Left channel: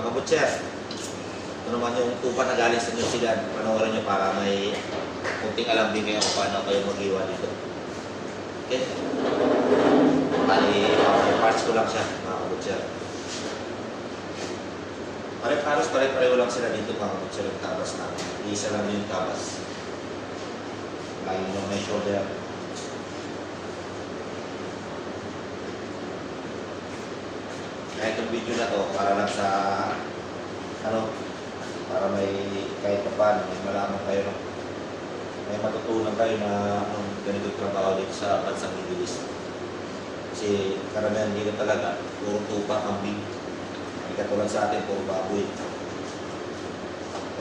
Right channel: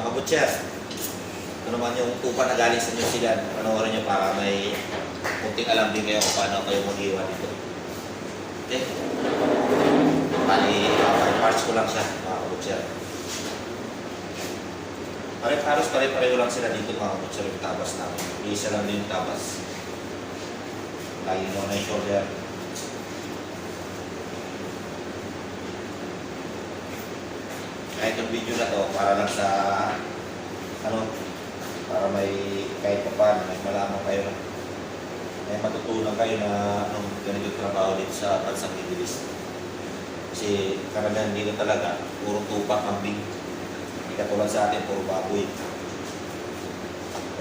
mga kabutcher. Ano man yung tupa na galing sa New Zealand, panoorin nyo para may kunting alam din kayo kung paano kayo mag-iwan dito. Okay? Bali, uh, parts ko lang siya, mga kabutcher. Pare-paros, pare-pareho lang sila dito mga kabutcher yung tabas namin. Isa lang yung tabas. Lagi mo na yung shoulder. Kahit yung video na to, para lang sa ano, para may kahit pa paano, may malaman kayo may matutunan kayo na anong ganito trabaho dito sa bansang Gibilis. Kasi karamihan dito talaga, puro tupak kambing. Hindi katulad sa atin, puro baboy.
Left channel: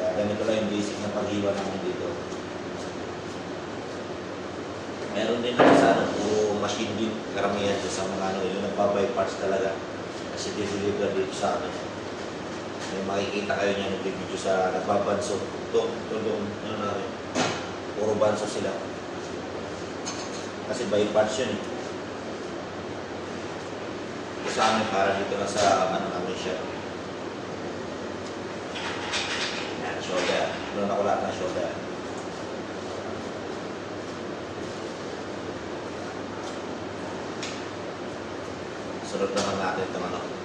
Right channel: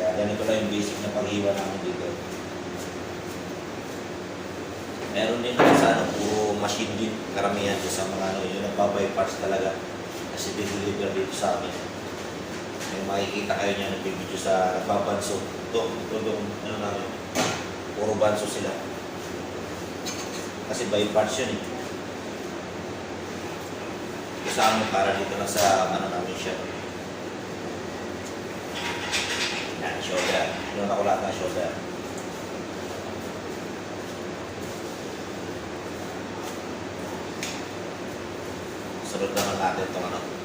Kaya ganito lang yung basic na paghiwa namin dito. Meron din naman sa ano, puro machine din, karamihan sa mga ano, yung nagbabypass talaga. Kasi dineliver dito sa amin. May makikita kayo niya nagbibideo sa nagbabanso. Ito, ito yung ano namin, puro banso sila. Kasi by parts yun eh. Sa amin, para dito lang sa ano namin siya. Yan. Ano na ko lahat ng shoulder. Sunod naman natin itong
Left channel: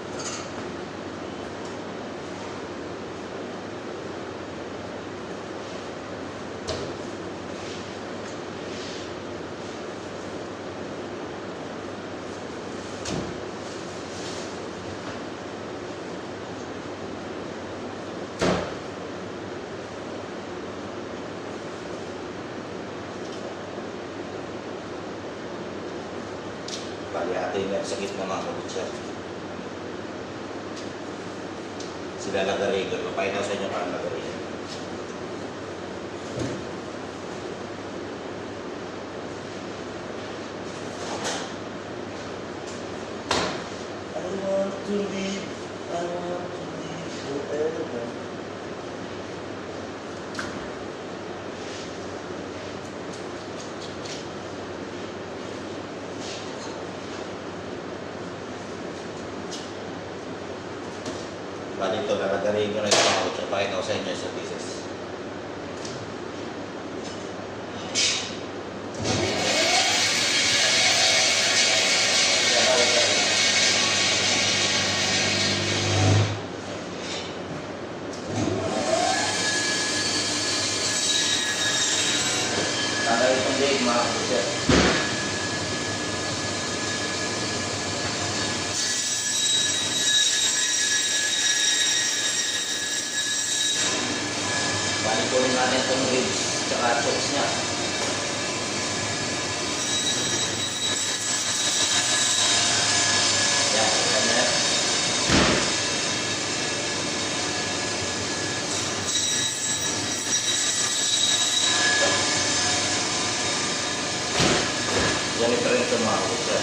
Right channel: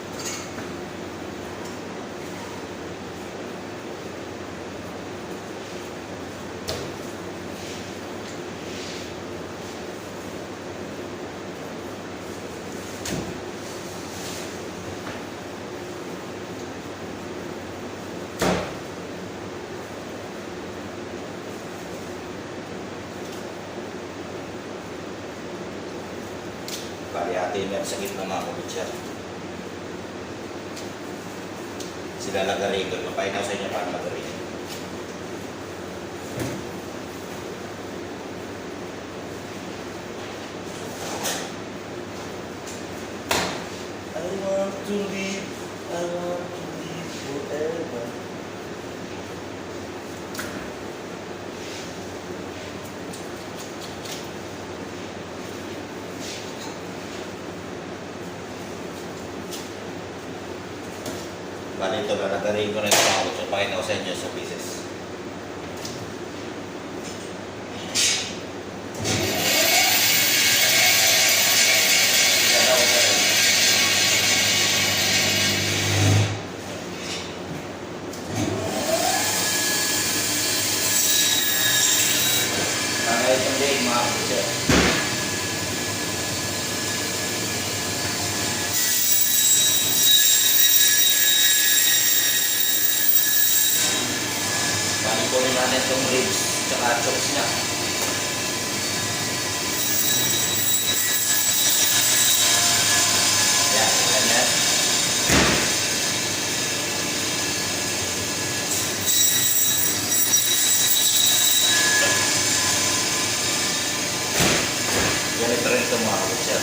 yung may sakit ng mga kumutsa. Sila lagarigo. Papahit ako sa inyo para lagarigo. Bali ito, lalagarin ko na ito. So, pakita ko sa inyo sa pieces. Ang ito din, mga kapatid. Bali po natin itong ribs tsaka chops niya. Yan, ganyan. Ganito rin itong mga pusa.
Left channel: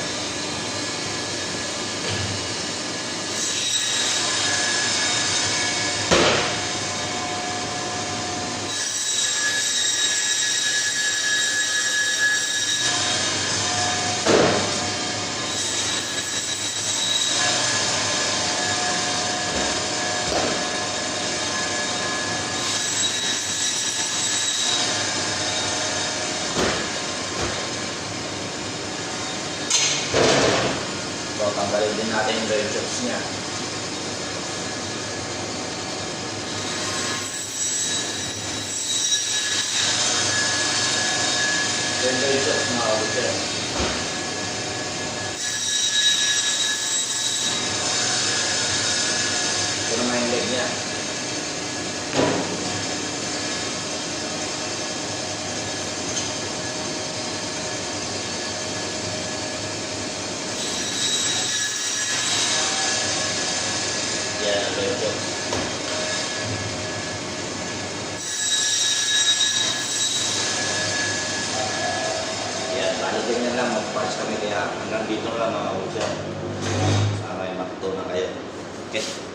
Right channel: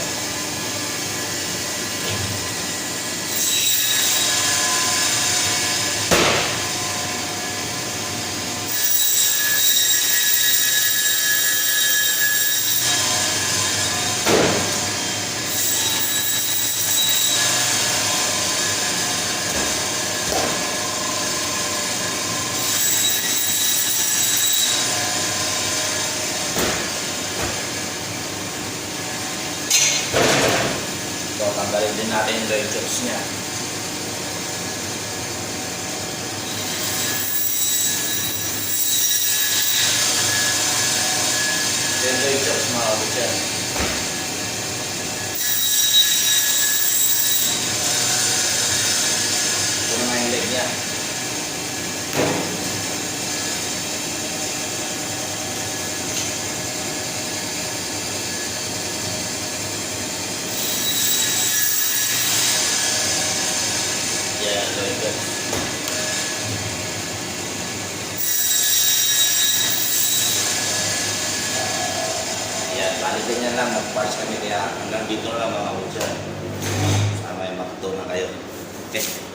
So, natin yung dry chops niya. Then dry chops mga kapatid. Puro na yung leg niya. Yan, ang dry chops. Yan, bali niya lang mag-parts kami kaya hanggang dito lang mga kapatid. Sana may matutunan kayo. Okay.